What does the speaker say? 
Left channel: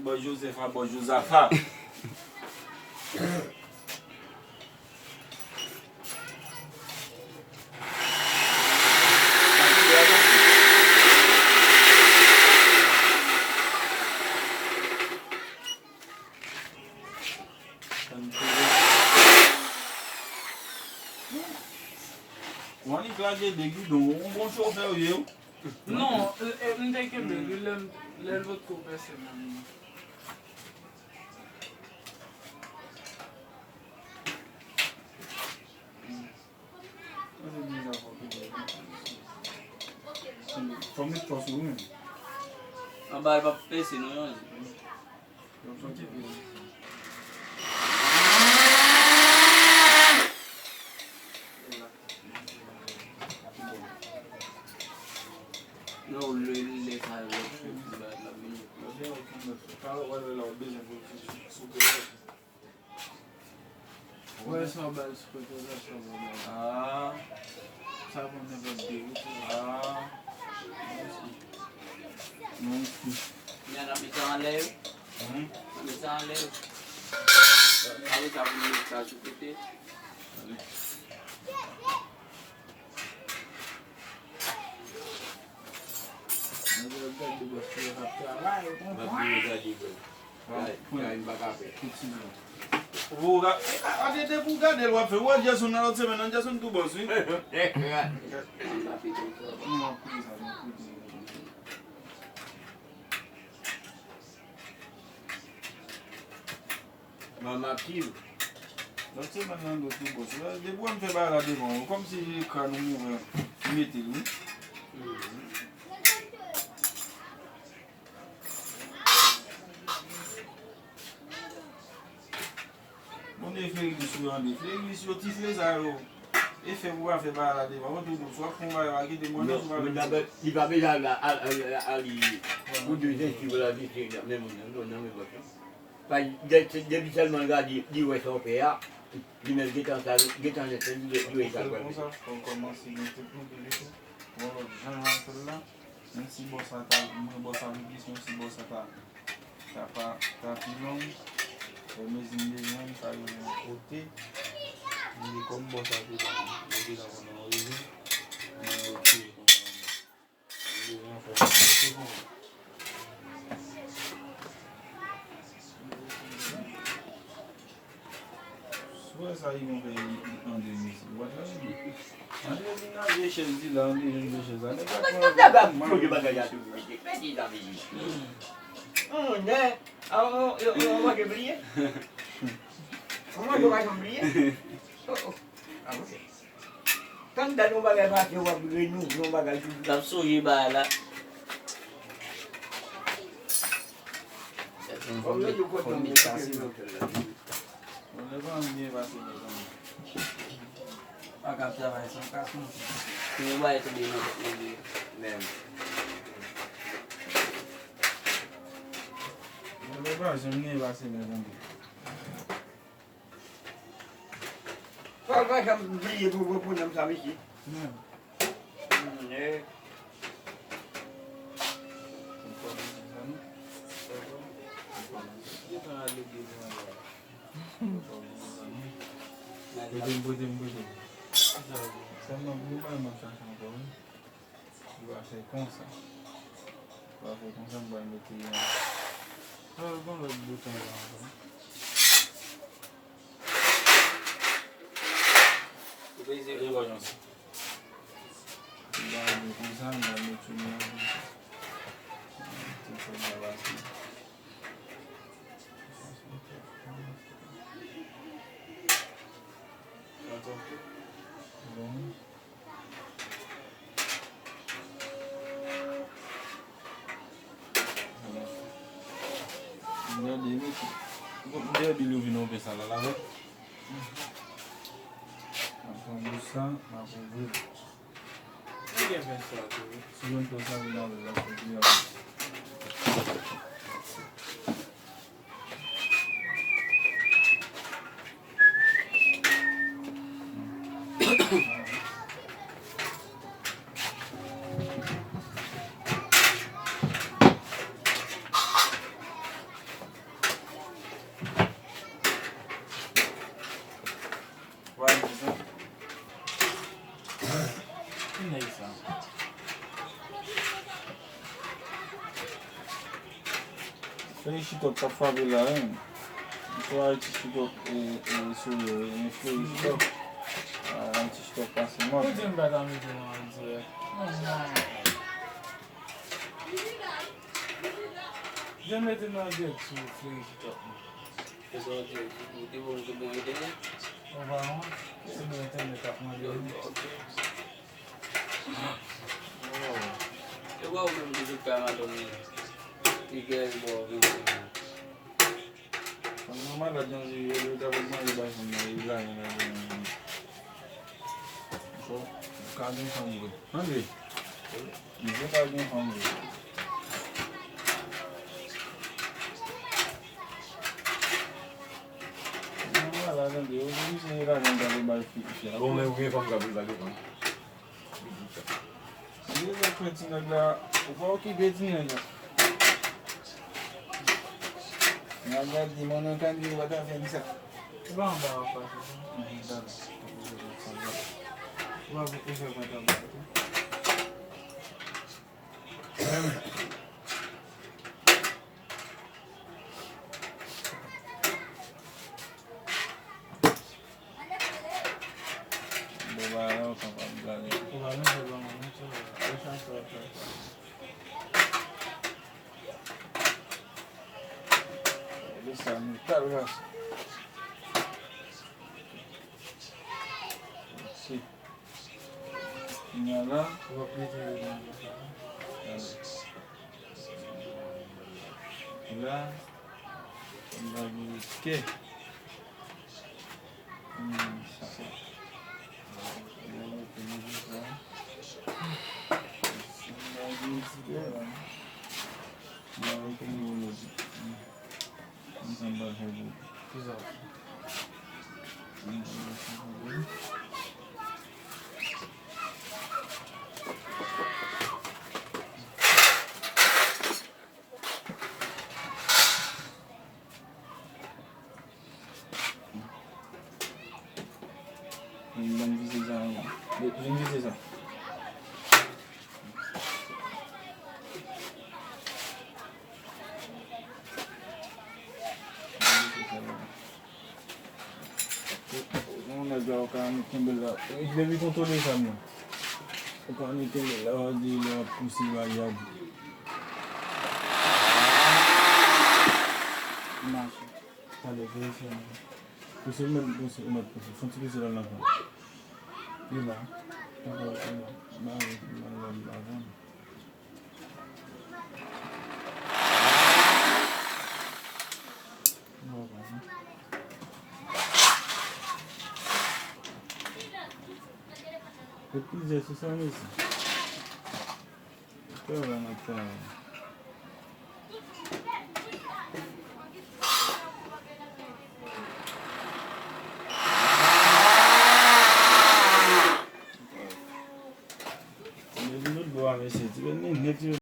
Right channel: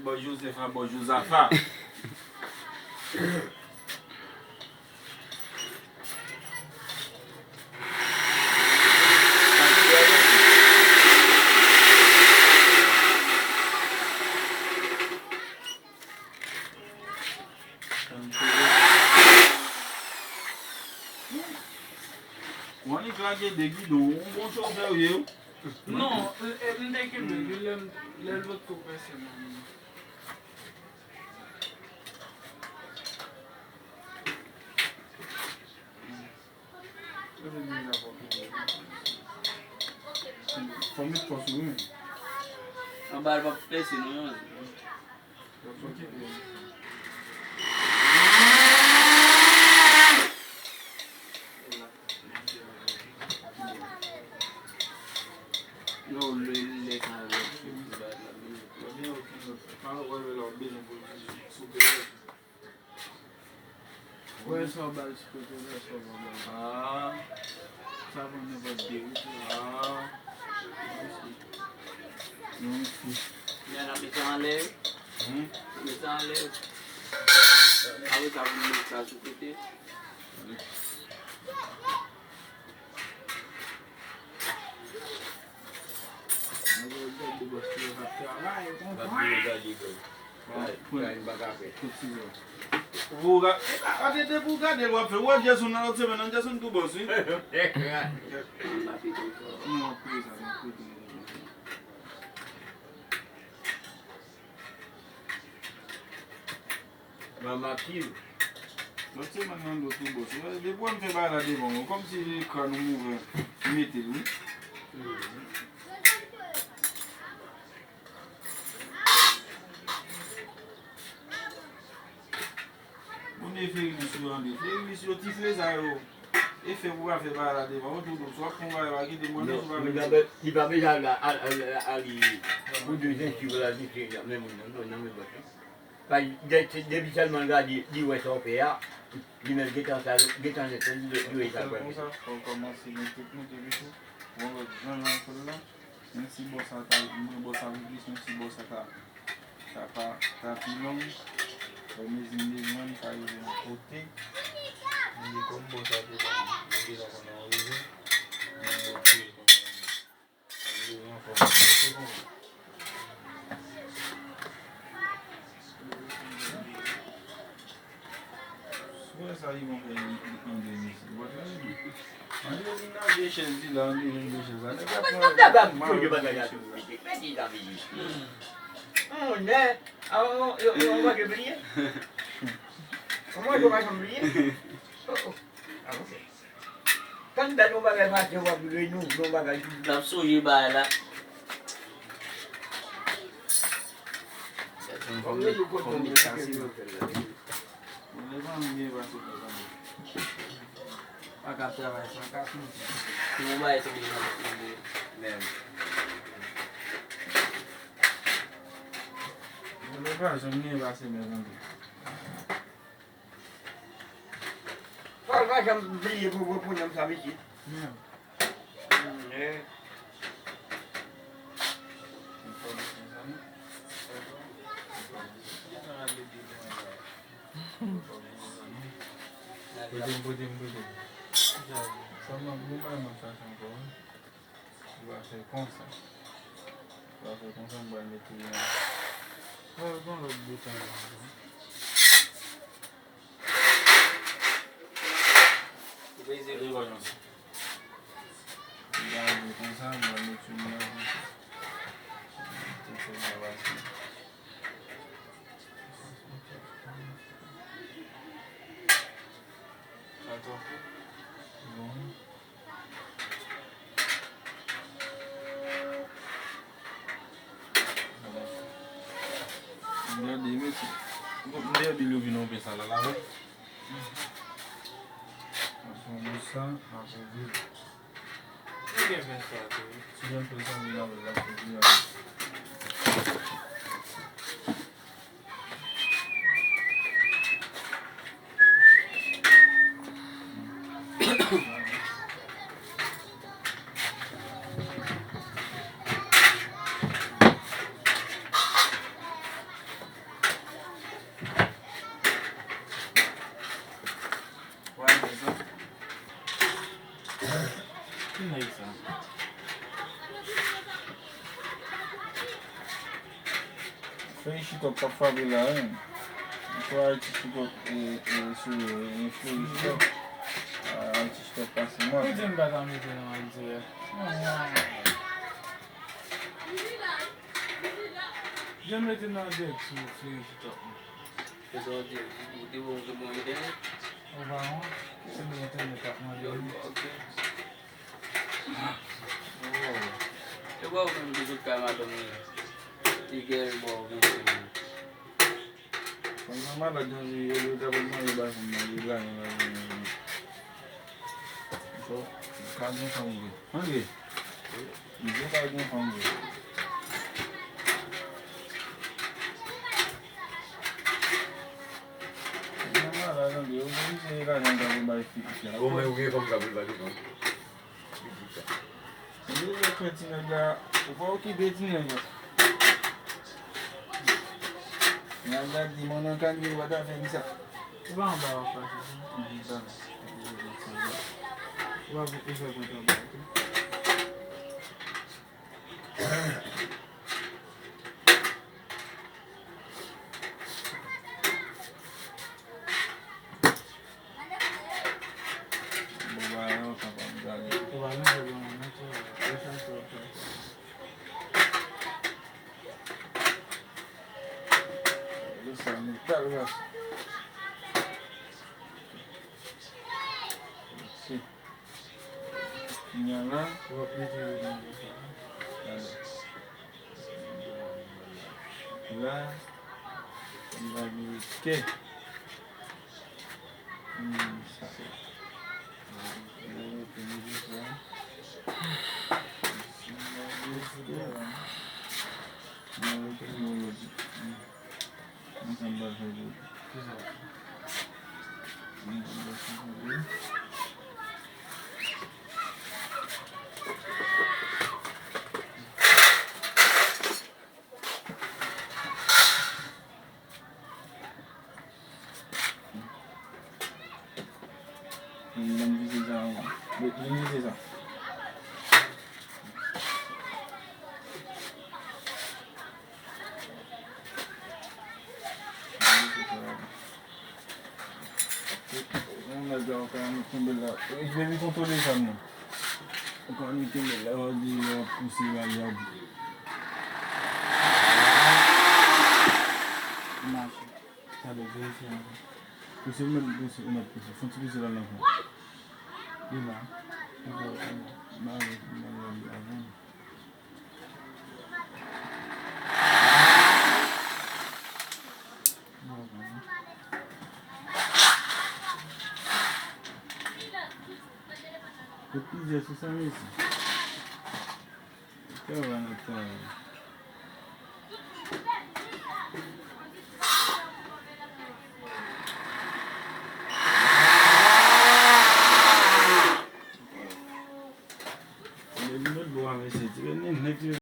Bonjour, c'est pas bonjour, Zafa. On est claqué des guidons, on bon chauffeur, non, elle n'est que l'autre professionnel. Faut mettre toi sur lui. On va pas faire sinon. Non, les travaux. Ouais, ça va, ce côté-là, ça va. Ah, Ça va me dire. ah. Non, Il y a un médecin en l'air. Un médecin en l'air. Ah oui, ça va me mettre ça sur le côté. vous regardez, vous regardez, vous faites, ouais, j'ai son autre semaine, j'ai son tout bon, si. Maman qui Moi, c'est maintenant le tout bon. Les bois me fait balader devant, comme si les crânes m'ouvraient, mettez-vous. On est fait l'émission, tifler ça, et fait voir, fait balader devant, soit qu'on va aller des moyens, Il va bien aller pour deux ans, si vous l'avez dit, même depuis seulement le gars dit où est son père, il met des temps de on commence à mettre tout de suite. On va dire, là, même si bon ça t'a, bon ça vous dit, même si bon ça t'a plus long, mais il est loin, ça y est de côté. Il est comme bon ça dit, il est dans mon origine. Ouais, ça y est, on fait un demi. On est des choses là, on est des choses là. On va oublier. On va oublier. Quand on va faire on va oublier nous, on va gagner. La souille là. On va le côté On est venu voir ça. A gata vai ser cá com Não vai também mesmo. On est pas, j'aime bien voir ça. Vai já brilha por não sabe aqui. É. Buding. Sama bukan masalah pun. Dua saya kongsa. Dua saya kongsa banyak dia. Kalau kau lebih bukan apa. Ini banyak. Banyak kongsa banyak cuma. Itu mawasi. Bom. Dia diluvio não pensar lá lá. Nós vamos ver. Ninguém pensou aqui. Se não pensar lá lá Fè yi chitok kap favela hein. Fò al ti chitok sou yon fè yi chitok. Al ti chitok pasi mò. Mwen jen bat an mette nan an dire. Jen mette nan dek sou fè yi chitok. Fè so di, ou te bon ide. Ou va an, se mwen internet ap man Yo, yon. ok. E wou men di kou kamadon men. Ti gen wou men se men. Kon nan malad nan yon tabakman yon basen nan yon lan yon. So, kagin hangwe. Hangwe? Yon kagin hangwe. Nan malad nan yon se yon lan yon tabakman yon fikisya. Kome ou gen fom kabul bagi kon. Yon yon kretin nan la, ou pa ou ki betin nan la. Nan la di monen kan di wata fe misa. Ou va an ba wap pasi. Ou va an ife konta mwen. Boba yon sa pa mgane. Ou va men se ban an mwen. E chan se wap pasi. Sa mi tal ras. Si. Nya la. Ou va plite yon an de sa. La. Yon va di ke. Sa. Yon va di sa. Yon va di December February. O kan mi tembe la. Ik devy kontrole sa mwen. O kan mi tembe la. O di la pousi la yad. Mas. Ale, vey se an. Pousi mwen pousi. Fonti pousi la nan. Yon ba. Ba avan. E pizza, se sa mesi. Ke ou an atan.